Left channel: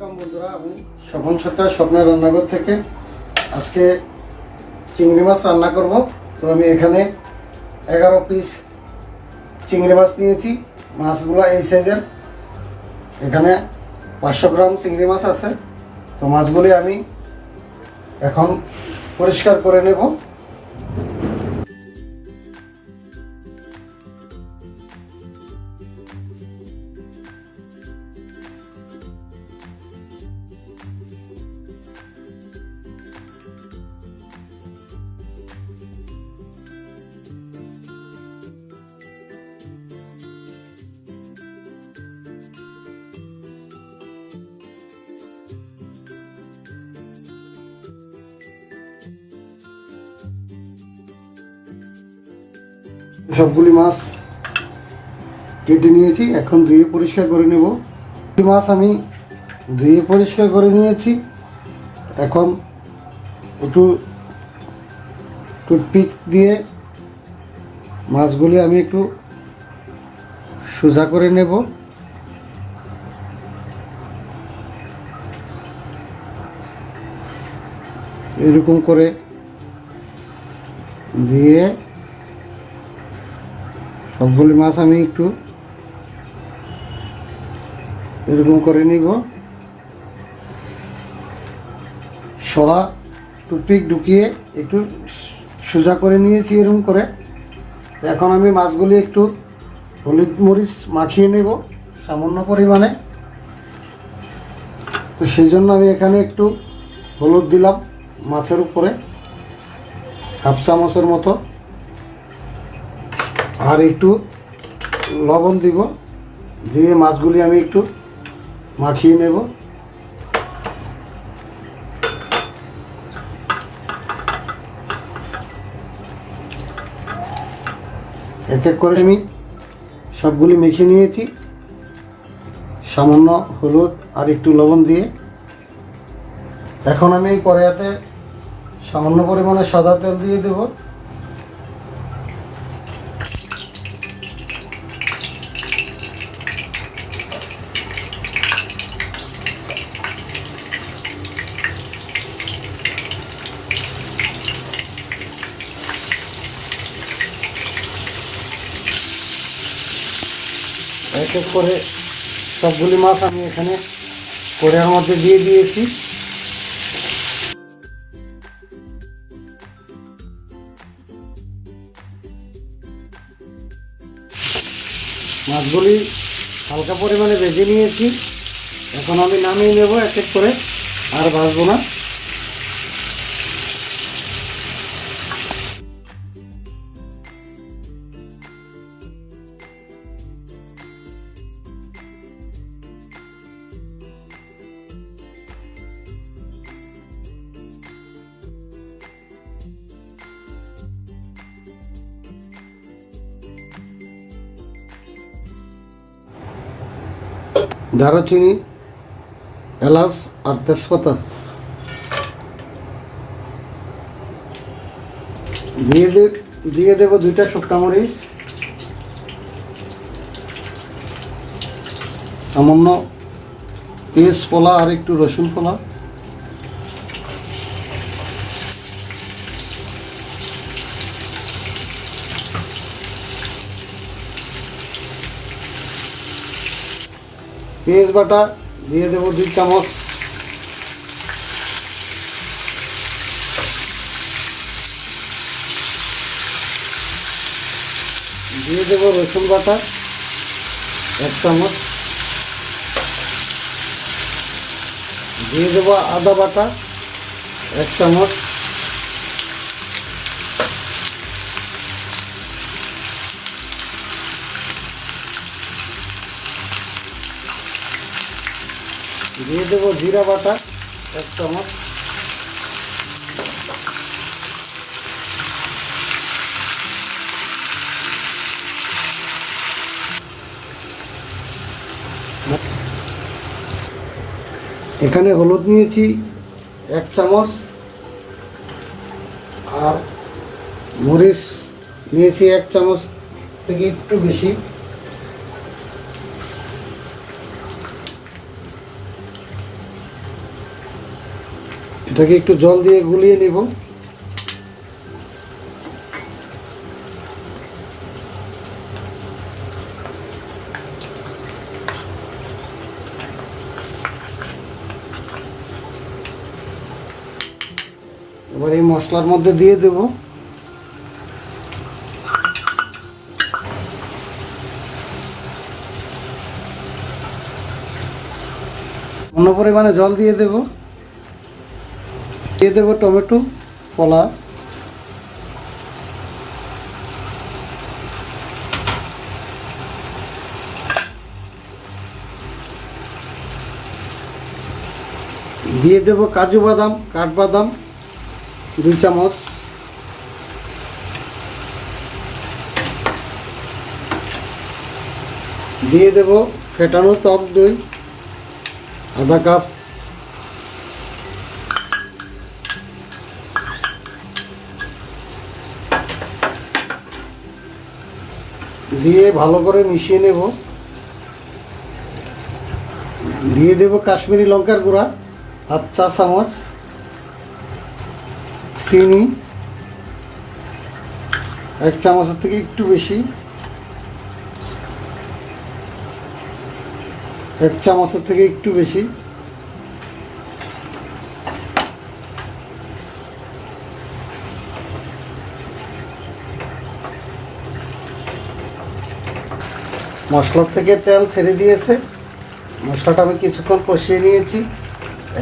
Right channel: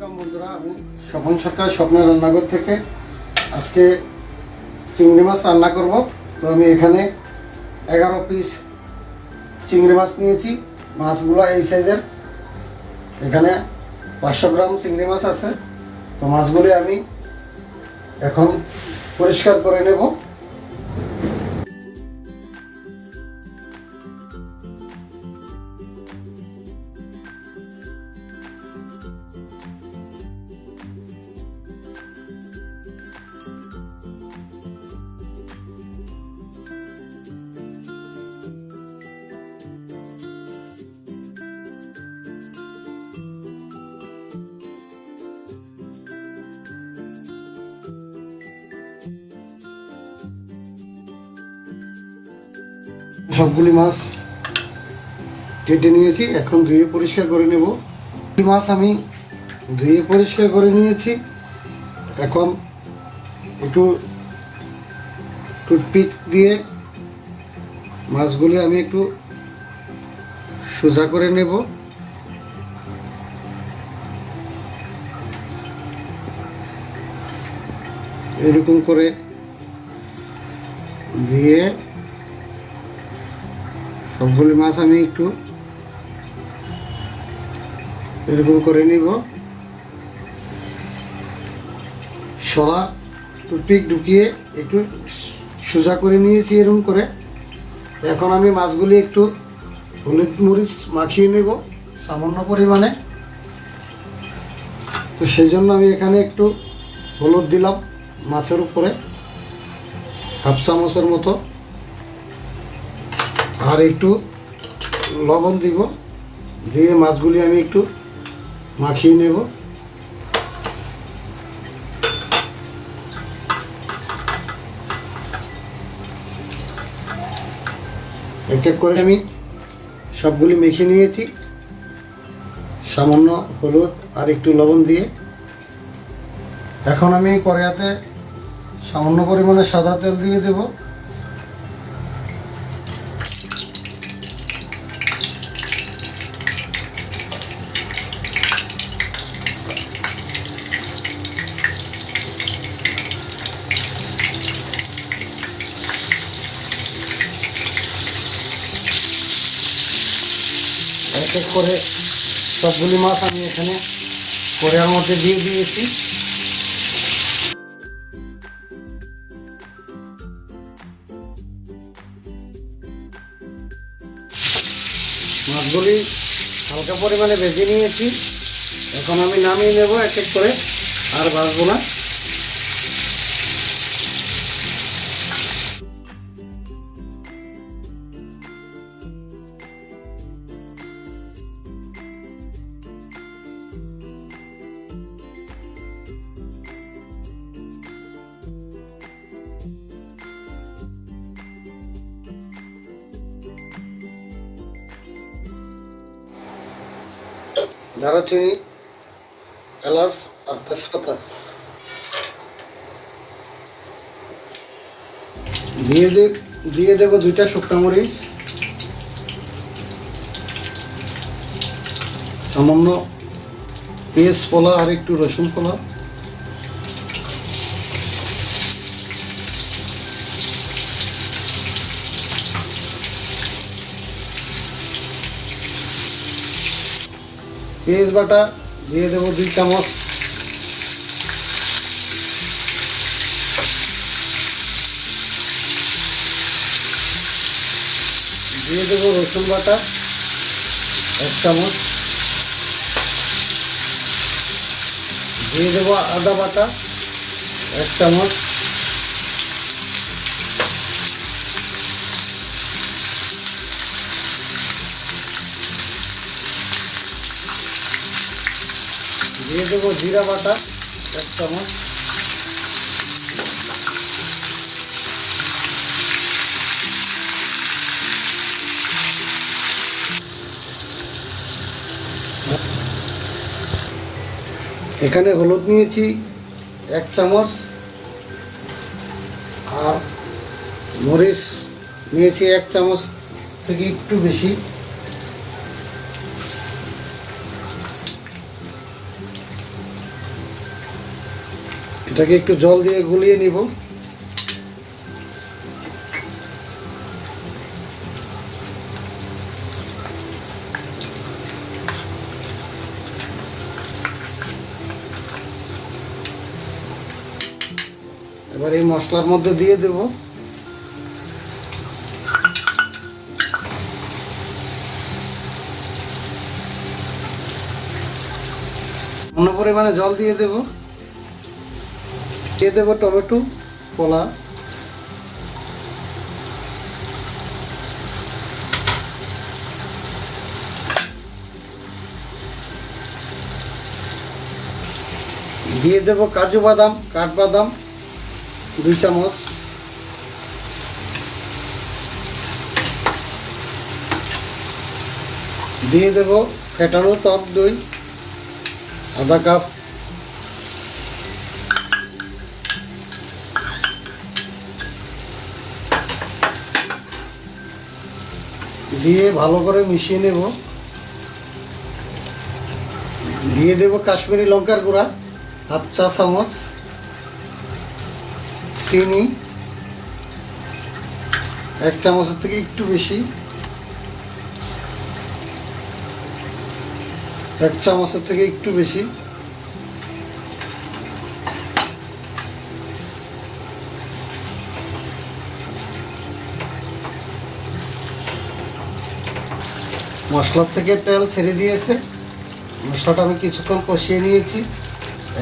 Welcome বন্ধুরা, আমি স্বপন সরকার স্বপ্নের রান্নাঘর থেকে আজকে চিংড়ি মাছ রান্না করব। তো আমি এখানে 11 পিস চিংড়ি মাছ নিয়েছি। মাছগুলো এই সাইজের, এখানে 500 গ্রাম চিংড়ি মাছ আছে। তো মাছগুলি আমি এখন পরিষ্কার করে নেব। সবগুলি মাছ কেটে নিয়েছি, এখন ধুয়ে পরিষ্কার করে নেব। মাছ আমি ধুয়ে পরিষ্কার করে নিয়েছি। এখন একটু টুথপিক দিয়ে মাছগুলি আমি একটু সোজা করে নেব। এরকম করে দিয়ে সবগুলি মাছ আমি একটু এরকম করে নিব। সরা টুথপিক ঢুকিয়ে একটু সোজা করে নিয়েছি এরকম করে। এখন আমি মাছগুলি একটু হলুদ মরিচ মাখিয়ে নেব সামান্য পরিমাণে। তো সেই জন্য আমি এখানে একটু হলুদ দিলাম মাছের উপরে, হাফ চামচের মতো, আর একটু লবণ দিব। দিয়ে মাছগুলি আমি একটু মাখিয়ে নেব। এক এক করে আমি সবগুলি মেখে নিয়েছি সামান্য হলুদ আর একটু লবণ দিয়ে। এখন আমি কড়াইতে সামান্য পরিমাণে সাদা তেল দিয়ে দেব। এক এক করে সবগুলি মাছ আমি এখানে কড়াইয়ের মধ্যে দিয়ে দিয়েছি। মাছগুলি হালকা পরিমাণে ভেজে নিয়েছি। এখন আমি নামিয়ে নেব এক এক করে, আর ভাজবো না। দারুচিনি, এলাচ আর তেজপাতা দিয়ে দেব 2টা শুকনো মরিচ, সামান্য পেঁয়াজ ফোলা আর একটু রসুন ফোলা, পেঁয়াজ বাটা দিয়ে দেব 2 চামচ, দিয়ে দেব রসুন বাটা 1 চামচ, দিয়ে দেব আদা বাটা 1 চামচ, দিয়ে দেব জিরা বাটা 1 চামচ, এখানে হলুদ নিয়েছি 1 চামচ, আর মরিচ নিয়েছি 1 চামচ থেকে একটু বেশি। এটাকে একটু জল দিয়ে গুলিয়ে নিব। এবার এই মশলার মধ্যে দিয়ে দেব অন্য পরিমাণে জল দিয়ে দেব টমেটো কলা, দিয়ে দেব কাজু বাদাম, কাঠবাদাম 2 চামচ, দিয়ে দেব ফেটানো টক দই আধা কাপ, দিয়ে ভালো করে মিশিয়ে নেব। দিয়ে দেব কাশ্মীরি লঙ্কার গুঁড়া 1/2 চা চামচ, চিনি 1 চামচের থেকে একটু বেশি, 1 চামচের থেকে একটু বেশি, মশলার থেকে তেল ছেড়ে দিয়েছে। মশলাটা আমি কিছুক্ষণ কষিয়ে নিয়েছি।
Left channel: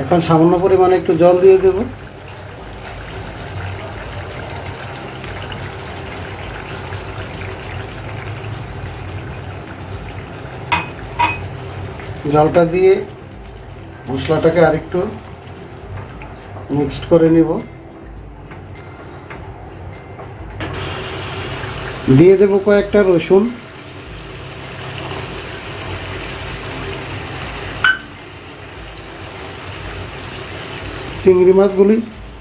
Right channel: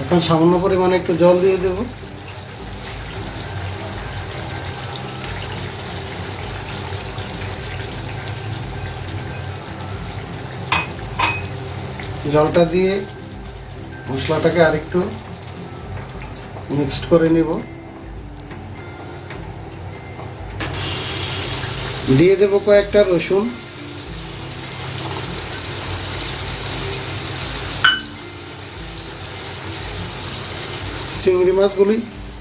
এখন সামান্য পরিমাণে একটু জল দিয়ে দেব। জলটা দিয়ে মশলাটাকে আরেকটু মিক্সড করে নেব। দিয়ে দেব কয়েকটা রসুন, চিংড়ি মাছগুলি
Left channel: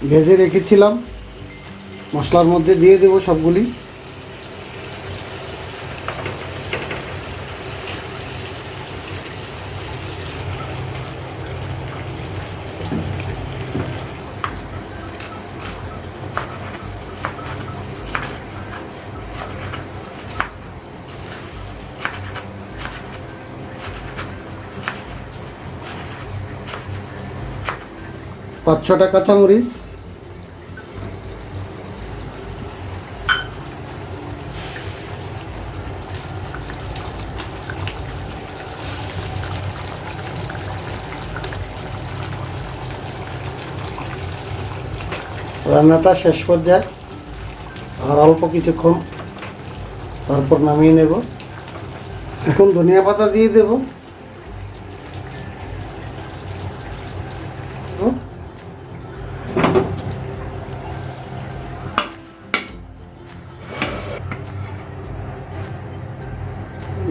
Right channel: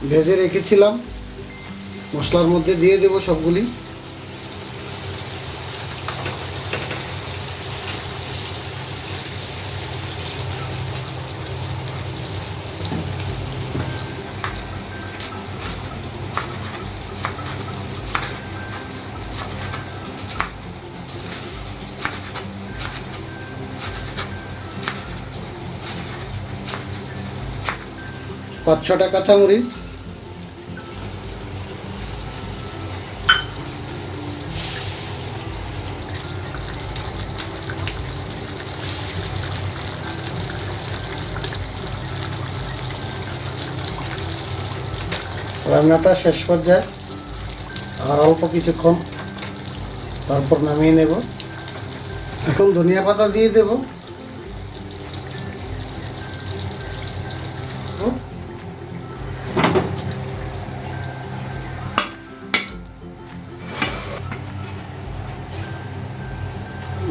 ভেজে রেখেছিলাম মশলার মধ্যে দিয়ে দেব সবগুলি। পাঁচ ছটা কাঁচামরিচ, রান্নাটা শেষ পর্যায়ে আর অল্প কিছুক্ষণ, তারপর নামিয়ে নেব। এখন ধনিয়া পাতা দিয়ে দেব।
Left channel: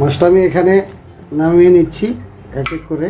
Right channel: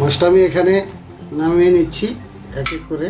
মশলা আমি এখানে নামিয়ে নিচ্ছি এক এক করে।